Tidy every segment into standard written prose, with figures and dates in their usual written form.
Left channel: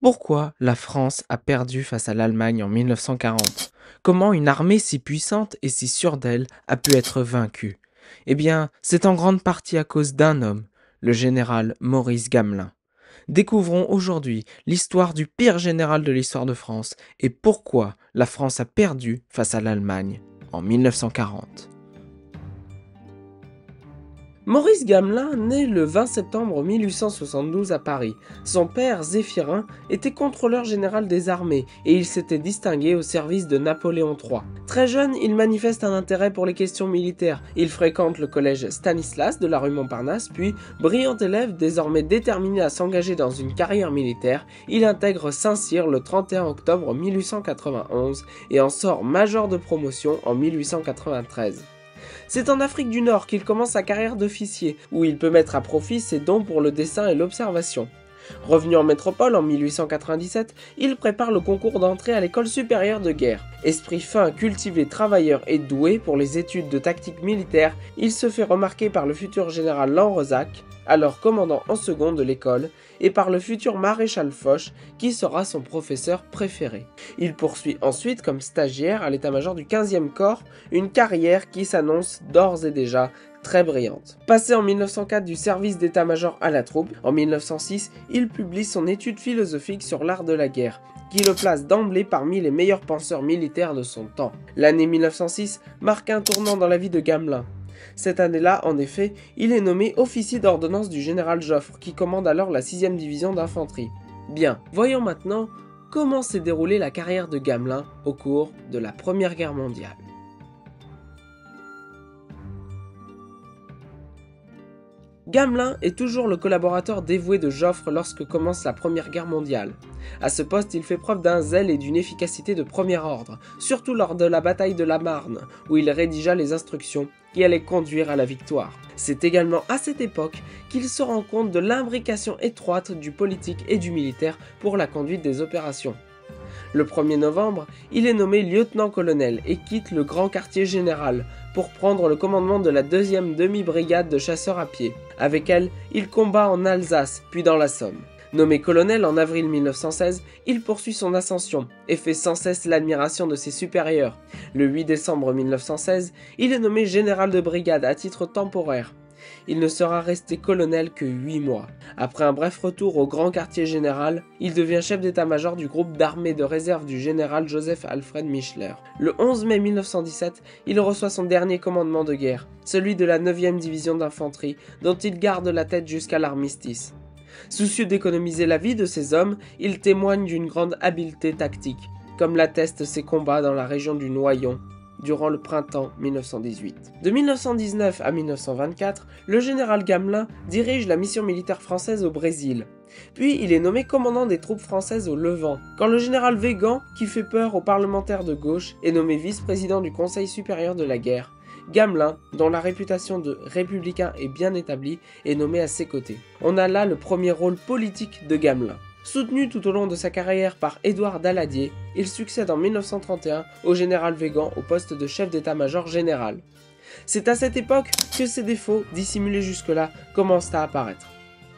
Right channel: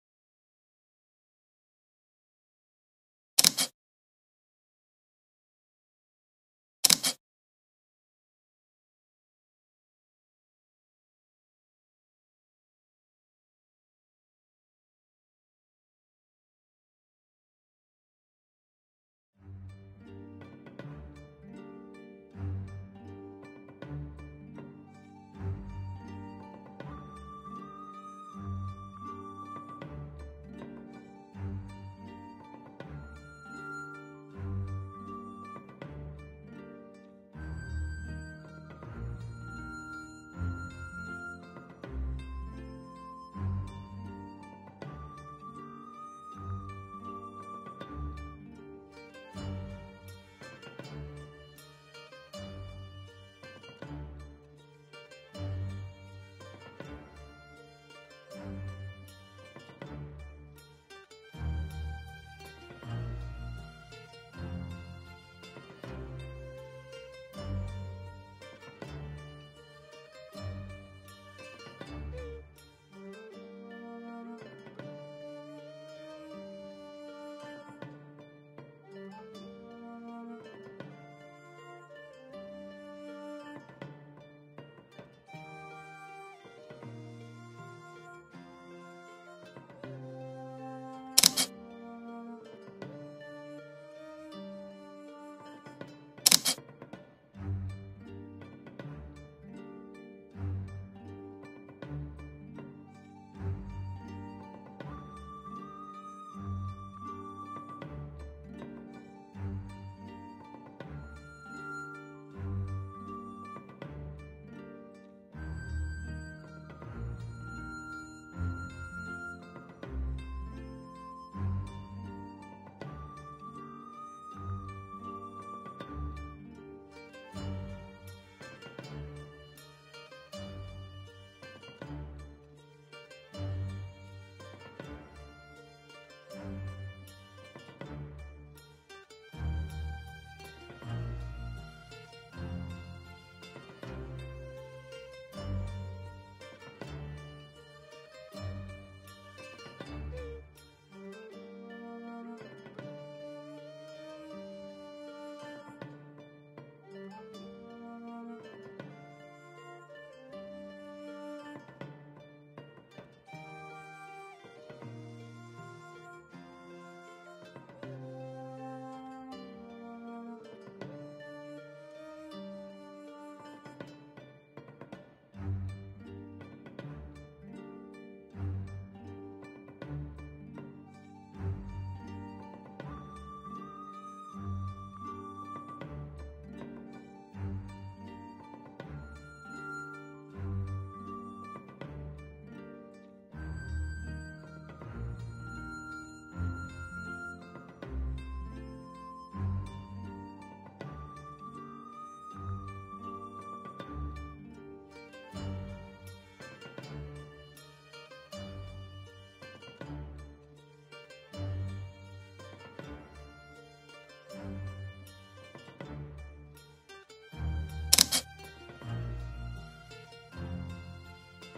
Pourquoi la France a perdu face à l'Allemagne en 1940? Comment une armée si puissante et si sûre d'elle a pu être vaincue? Eh bien, c'est en grande partie à cause d'un homme, le général Maurice Gamelin. Découvrons aujourd'hui l'histoire du pire général de l'histoire de France et pourquoi la France a perdu face à l'Allemagne en 1940. Maurice Gamelin naît le 20 septembre 1872 à Paris. Son père, Zéphirin, était contrôleur général des armées et il s'était distingué au service de Napoléon III. Très jeune, il manifeste un intérêt pour les questions militaires. Il fréquente le collège Stanislas de la rue Montparnasse, puis, brillant élève désormais déterminé à s'engager dans une carrière militaire, il intègre Saint-Cyr le 31 octobre 1891 et en sort major de promotion en 1893. C'est en Afrique du Nord qu'il commence sa carrière d'officier, où il peut mettre à profit ses dons pour le dessin et l'observation. Revenu en métropole en 1897, il prépare le concours d'entrée à l'école supérieure de guerre. Esprit fin, cultivé, travailleur et doué pour les études de tactique militaire, il se fait remarquer par le futur général Lanrezac, alors commandant en second de l'école, et par le futur maréchal Foch, qui sera son professeur préféré. Il poursuit ensuite comme stagiaire à l'état-major du 15e corps, une carrière qui s'annonce d'ores et déjà très brillante. Passé en 1904 du service d'état-major à la troupe, en 1906, il publie son étude philosophique sur l'art de la guerre, qui le place d'emblée parmi les meilleurs penseurs militaires de son temps. L'année 1906 marque un tournant dans la vie de Gamelin. Cette année-là, en effet, il est nommé officier d'ordonnance du général Joffre, qui commande alors la 6e division d'infanterie. Bien, voyons maintenant comment s'est déroulée la carrière de Gamelin au cours de la Première Guerre mondiale. Gamelin est toujours le collaborateur dévoué de Joffre lorsque commence la Première Guerre mondiale. À ce poste, il fait preuve d'un zèle et d'une efficacité de premier ordre, surtout lors de la bataille de la Marne, où il rédigea les instructions qui allaient conduire à la victoire. C'est également à cette époque qu'il se rend compte de l'imbrication étroite du politique et du militaire pour la conduite des opérations. Le 1er novembre, il est nommé lieutenant-colonel et quitte le grand quartier général pour prendre le commandement de la 2e demi-brigade de chasseurs à pied. Avec elle, il combat en Alsace, puis dans la Somme. Nommé colonel en avril 1916, il poursuit son ascension et fait sans cesse l'admiration de ses supérieurs. Le 8 décembre 1916, il est nommé général de brigade à titre temporaire. Il ne sera resté colonel que 8 mois. Après un bref retour au grand quartier général, il devient chef d'état-major du groupe d'armées de réserve du général Joseph Alfred Michler. Le 11 mai 1917, il reçoit son dernier commandement de guerre, celui de la 9e division d'infanterie, dont il garde la tête jusqu'à l'armistice. Soucieux d'économiser la vie de ses hommes, il témoigne d'une grande habileté tactique, comme l'attestent ses combats dans la région du Noyon durant le printemps 1918. De 1919 à 1924, le général Gamelin dirige la mission militaire française au Brésil. Puis il est nommé commandant des troupes françaises au Levant, quand le général Weygand, qui fait peur aux parlementaires de gauche, est nommé vice-président du Conseil supérieur de la guerre. Gamelin, dont la réputation de républicain est bien établie, est nommé à ses côtés. On a là le premier rôle politique de Gamelin. Soutenu tout au long de sa carrière par Édouard Daladier, il succède en 1931 au général Weygand au poste de chef d'état-major général. C'est à cette époque que ses défauts, dissimulés jusque-là, commencent à apparaître.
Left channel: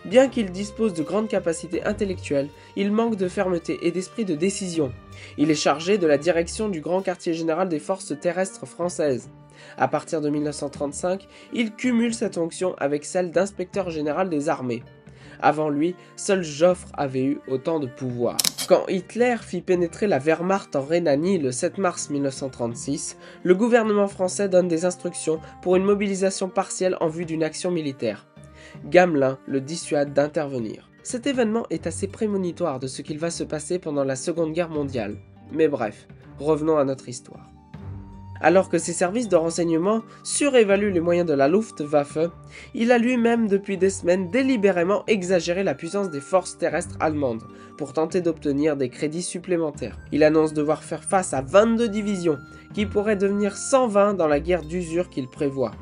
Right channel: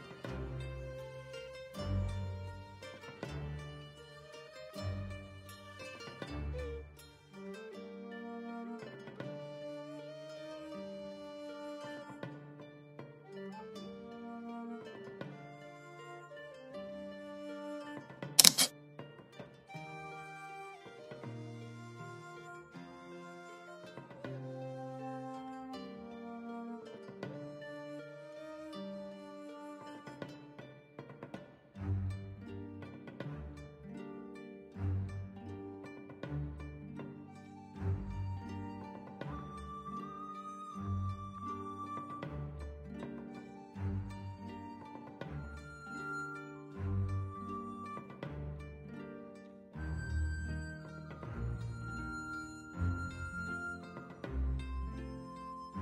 Bien qu'il dispose de grandes capacités intellectuelles, il manque de fermeté et d'esprit de décision. Il est chargé de la direction du grand quartier général des forces terrestres françaises. À partir de 1935, il cumule cette fonction avec celle d'inspecteur général des armées. Avant lui, seul Joffre avait eu autant de pouvoir. Quand Hitler fit pénétrer la Wehrmacht en Rhénanie le 7 mars 1936, le gouvernement français donne des instructions pour une mobilisation partielle en vue d'une action militaire. Gamelin le dissuade d'intervenir. Cet événement est assez prémonitoire de ce qu'il va se passer pendant la Seconde Guerre mondiale. Mais bref, revenons à notre histoire. Alors que ses services de renseignement surévaluent les moyens de la Luftwaffe, il a lui-même depuis des semaines délibérément exagéré la puissance des forces terrestres allemandes pour tenter d'obtenir des crédits supplémentaires. Il annonce devoir faire face à 22 divisions, qui pourraient devenir 120 dans la guerre d'usure qu'il prévoit.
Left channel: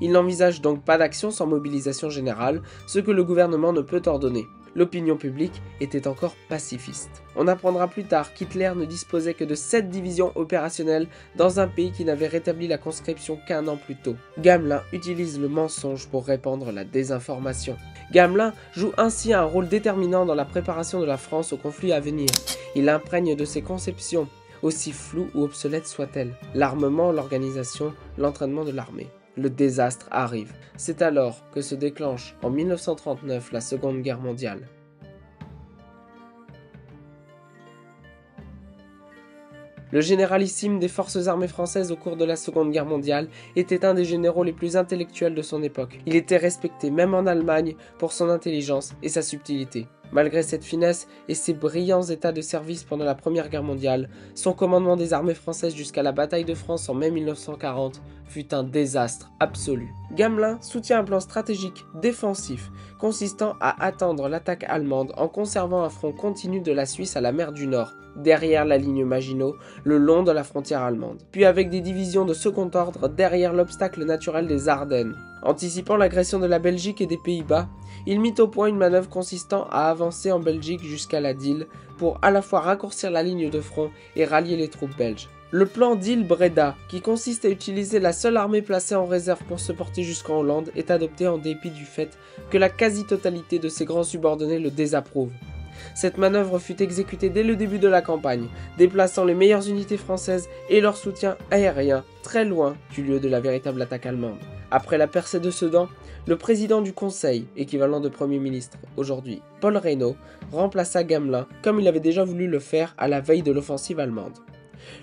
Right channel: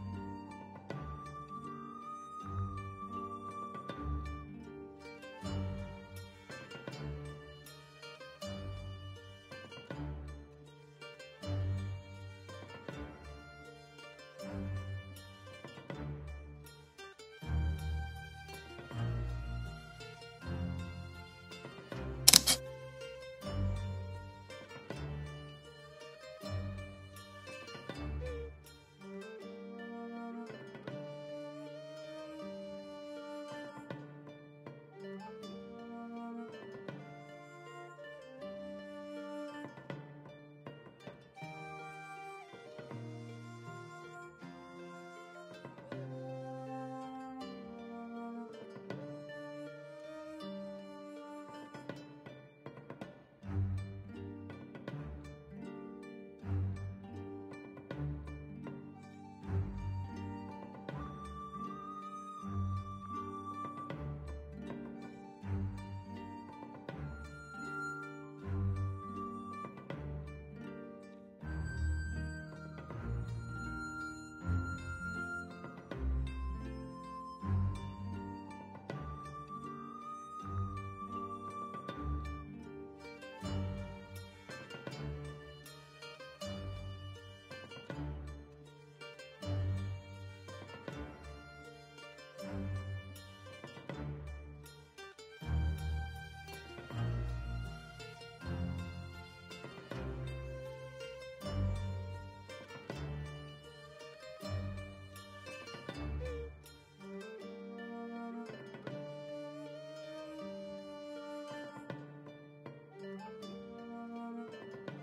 Il n'envisage donc pas d'action sans mobilisation générale, ce que le gouvernement ne peut ordonner. l'opinion publique était encore pacifiste. On apprendra plus tard qu'Hitler ne disposait que de 7 divisions opérationnelles dans un pays qui n'avait rétabli la conscription qu'un an plus tôt. Gamelin utilise le mensonge pour répandre la désinformation. Gamelin joue ainsi un rôle déterminant dans la préparation de la France au conflit à venir. Il imprègne de ses conceptions, aussi floues ou obsolètes soient-elles, l'armement, l'organisation, l'entraînement de l'armée. Le désastre arrive. C'est alors que se déclenche en 1939 la Seconde Guerre mondiale. Le généralissime des forces armées françaises au cours de la Seconde Guerre mondiale était un des généraux les plus intellectuels de son époque. Il était respecté même en Allemagne pour son intelligence et sa subtilité. Malgré cette finesse et ses brillants états de service pendant la Première Guerre mondiale, son commandement des armées françaises jusqu'à la bataille de France en mai 1940 fut un désastre absolu. Gamelin soutient un plan stratégique défensif consistant à attendre l'attaque allemande en conservant un front continu de la Suisse à la mer du Nord, derrière la ligne Maginot, le long de la frontière allemande, puis avec des divisions de second ordre derrière l'obstacle naturel des Ardennes. Anticipant l'agression de la Belgique et des Pays-Bas, il mit au point une manœuvre consistant à avancer en Belgique jusqu'à la Dyle pour à la fois raccourcir la ligne de front et rallier les troupes belges. Le plan Dyle-Breda, qui consiste à utiliser la seule armée placée en réserve pour se porter jusqu'en Hollande, est adopté en dépit du fait que la quasi-totalité de ses grands subordonnés le désapprouvent. Cette manœuvre fut exécutée dès le début de la campagne, déplaçant les meilleures unités françaises et leur soutien aérien très loin du lieu de la véritable attaque allemande. Après la percée de Sedan, le président du Conseil, équivalent de Premier ministre aujourd'hui, Paul Reynaud, remplaça Gamelin comme il avait déjà voulu le faire à la veille de l'offensive allemande.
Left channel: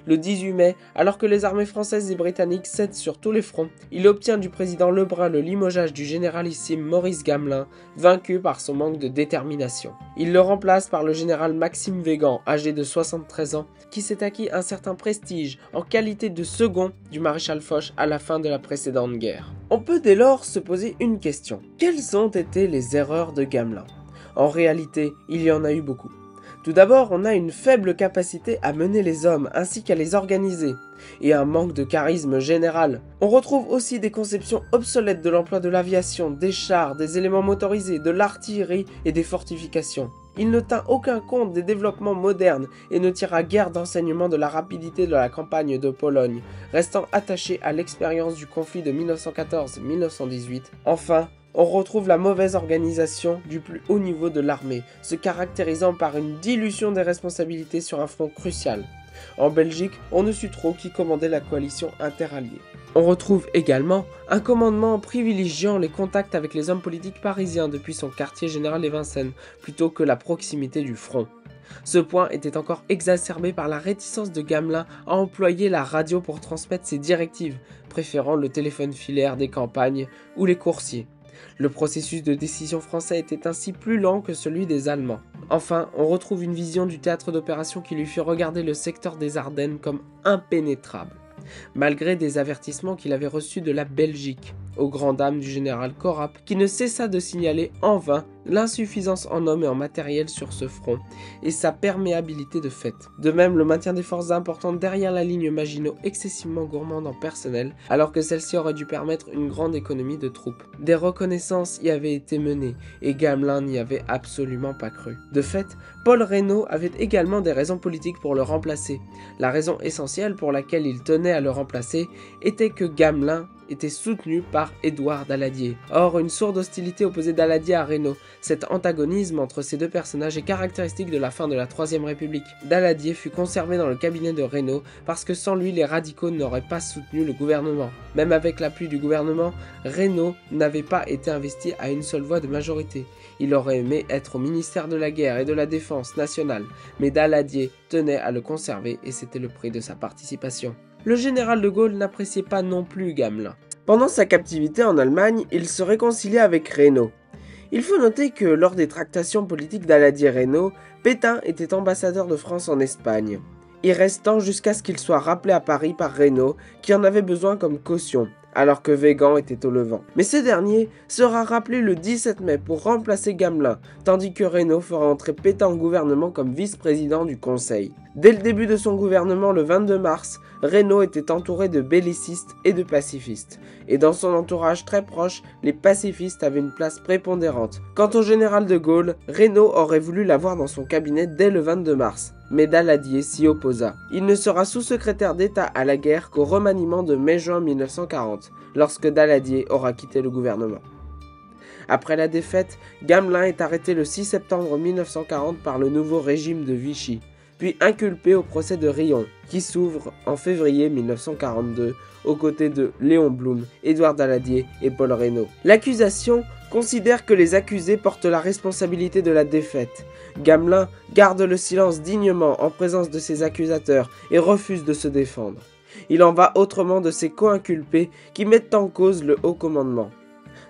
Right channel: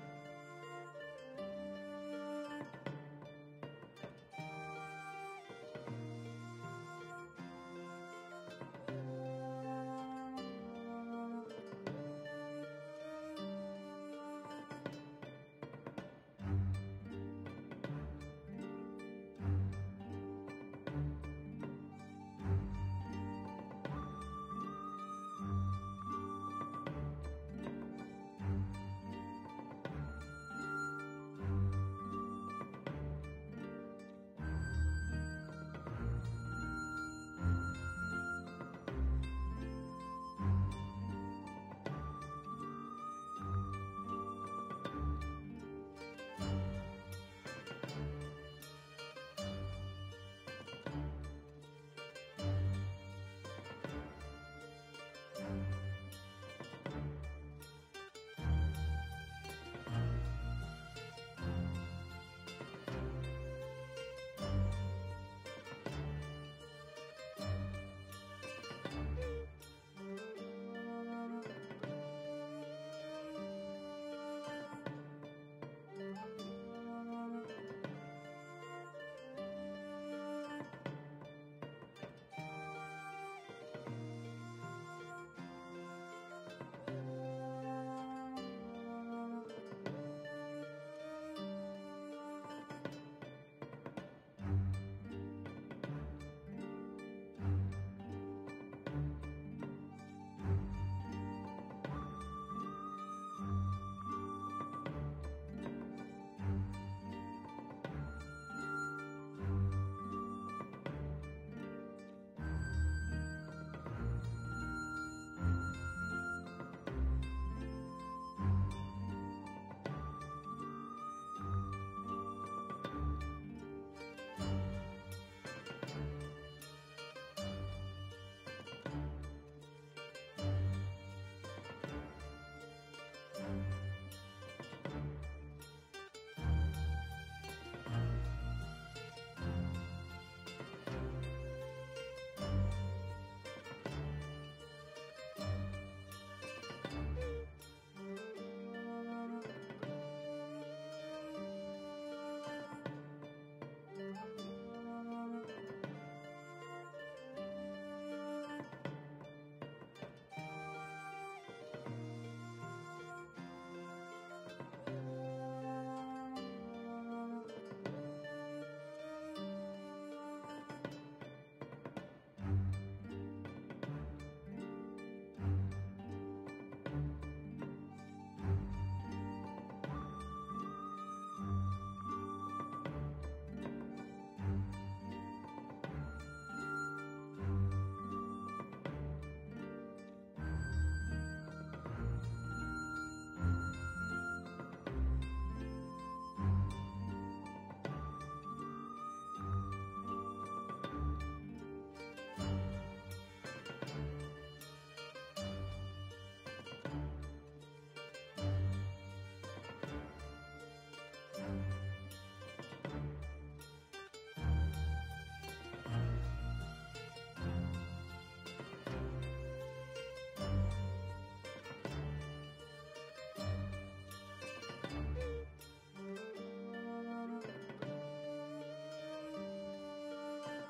Le 18 mai, alors que les armées françaises et britanniques cèdent sur tous les fronts, il obtient du président Lebrun le limogeage du généralissime Maurice Gamelin, vaincu par son manque de détermination. Il le remplace par le général Maxime Weygand, âgé de 73 ans, qui s'est acquis un certain prestige en qualité de second du maréchal Foch à la fin de la précédente guerre. On peut dès lors se poser une question. Quelles ont été les erreurs de Gamelin? En réalité, il y en a eu beaucoup. Tout d'abord, on a une faible capacité à mener les hommes ainsi qu'à les organiser, et un manque de charisme général. On retrouve aussi des conceptions obsolètes de l'emploi de l'aviation, des chars, des éléments motorisés, de l'artillerie et des fortifications. Il ne tint aucun compte des développements modernes et ne tira guère d'enseignement de la rapidité de la campagne de Pologne, restant attaché à l'expérience du conflit de 1914-1918. Enfin, on retrouve la mauvaise organisation du plus haut niveau de l'armée, se caractérisant par une dilution des responsabilités sur un front crucial. En Belgique, on ne sut trop qui commandait la coalition interalliée. On retrouve également un commandement privilégiant les contacts avec les hommes politiques parisiens depuis son quartier général des Vincennes, plutôt que la proximité du front. Ce point était encore exacerbé par la réticence de Gamelin à employer la radio pour transmettre ses directives, préférant le téléphone filaire des campagnes ou les coursiers. Le processus de décision français était ainsi plus lent que celui des Allemands. Enfin, on retrouve une vision du théâtre d'opération qui lui fit regarder le secteur des Ardennes comme impénétrable, malgré des avertissements qu'il avait reçus de la Belgique, aux grandes dames du général Corap, qui ne cessa de signaler en vain l'insuffisance en hommes et en matériel sur ce front, et sa perméabilité de fait. De même, le maintien des forces importantes derrière la ligne Maginot excessivement gourmande en personnel, alors que celle-ci aurait dû permettre une grande économie de troupes. Des reconnaissances y avaient été menées, et Gamelin n'y avait absolument pas cru. De fait, Paul Reynaud avait également des raisons politiques pour le remplacer. La raison essentielle pour laquelle il tenait à le remplacer était que Gamelin était soutenu par Édouard Daladier. Or, une sourde hostilité opposait Daladier à Reynaud. Cet antagonisme entre ces deux personnages est caractéristique de la fin de la Troisième République. Daladier fut conservé dans le cabinet de Reynaud parce que sans lui, les radicaux n'auraient pas soutenu le gouvernement. Même avec l'appui du gouvernement, Reynaud n'avait pas été investi à une seule voix de majorité. Il aurait aimé être au ministère de la Guerre et de la Défense nationale, mais Daladier tenait à le conserver et c'était le prix de sa participation. Le général de Gaulle n'appréciait pas non plus Gamelin. Pendant sa captivité en Allemagne, il se réconcilia avec Reynaud. Il faut noter que lors des tractations politiques Daladier-Reynaud, Pétain était ambassadeur de France en Espagne, y restant jusqu'à ce qu'il soit rappelé à Paris par Reynaud, qui en avait besoin comme caution, alors que Weygand était au Levant. Mais ce dernier sera rappelé le 17 mai pour remplacer Gamelin, tandis que Reynaud fera entrer Pétain au gouvernement comme vice-président du Conseil. Dès le début de son gouvernement le 22 mars, Reynaud était entouré de bellicistes et de pacifistes, et dans son entourage très proche, les pacifistes avaient une place prépondérante. Quant au général de Gaulle, Reynaud aurait voulu l'avoir dans son cabinet dès le 22 mars, mais Daladier s'y opposa. Il ne sera sous-secrétaire d'État à la guerre qu'au remaniement de mai-juin 1940, lorsque Daladier aura quitté le gouvernement. Après la défaite, Gamelin est arrêté le 6 septembre 1940 par le nouveau régime de Vichy, puis inculpé au procès de Riom, qui s'ouvre en février 1942, aux côtés de Léon Blum, Édouard Daladier et Paul Reynaud. L'accusation considère que les accusés portent la responsabilité de la défaite. Gamelin garde le silence dignement en présence de ses accusateurs et refuse de se défendre. Il en va autrement de ses co-inculpés qui mettent en cause le haut commandement.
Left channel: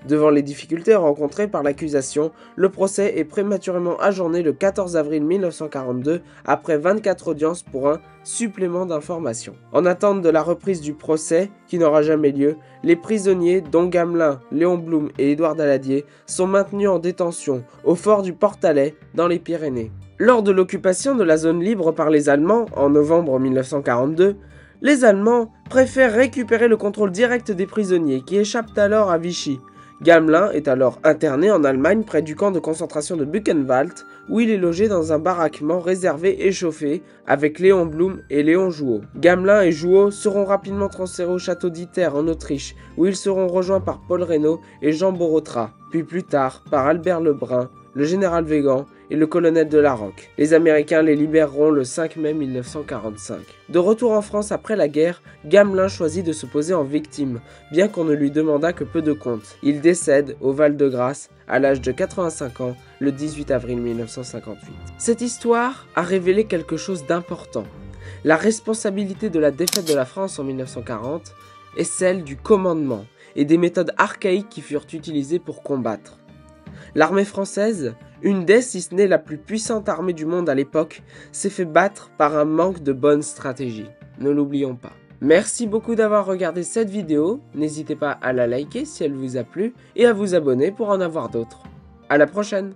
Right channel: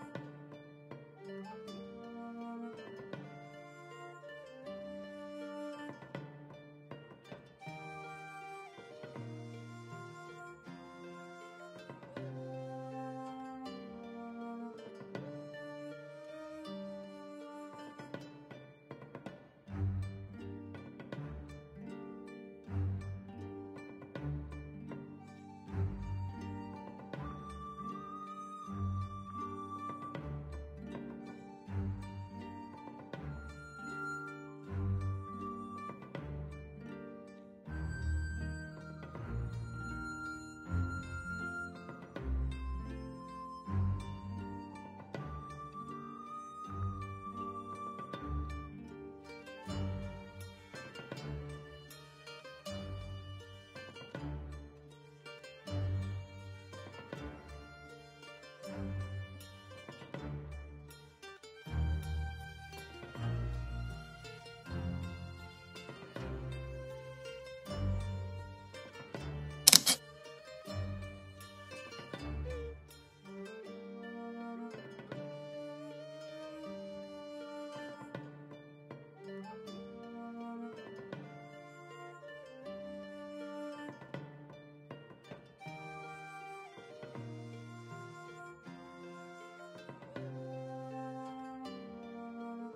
Devant les difficultés rencontrées par l'accusation, le procès est prématurément ajourné le 14 avril 1942 après 24 audiences pour un supplément d'information. En attente de la reprise du procès, qui n'aura jamais lieu, les prisonniers, dont Gamelin, Léon Blum et Édouard Daladier, sont maintenus en détention au fort du Portalet dans les Pyrénées. Lors de l'occupation de la zone libre par les Allemands en novembre 1942, les Allemands préfèrent récupérer le contrôle direct des prisonniers qui échappent alors à Vichy. Gamelin est alors interné en Allemagne près du camp de concentration de Buchenwald, où il est logé dans un baraquement réservé et chauffé avec Léon Blum et Léon Jouot. Gamelin et Jouot seront rapidement transférés au château d'Iter en Autriche, où ils seront rejoints par Paul Reynaud et Jean Borotra, puis plus tard par Albert Lebrun, le général Weygand et le colonel de Larocque. Les Américains les libéreront le 5 mai 1945. De retour en France après la guerre, Gamelin choisit de se poser en victime, bien qu'on ne lui demandât que peu de compte. Il décède au Val-de-Grâce à l'âge de 85 ans le 18 avril 1958. Cette histoire a révélé quelque chose d'important. La responsabilité de la défaite de la France en 1940 est celle du commandement et des méthodes archaïques qui furent utilisées pour combattre. L'armée française, une des, si ce n'est la plus puissante armée du monde à l'époque, s'est fait battre par un manque de bonne stratégie. Ne l'oublions pas. Merci beaucoup d'avoir regardé cette vidéo, n'hésitez pas à la liker si elle vous a plu et à vous abonner pour en avoir d'autres. À la prochaine!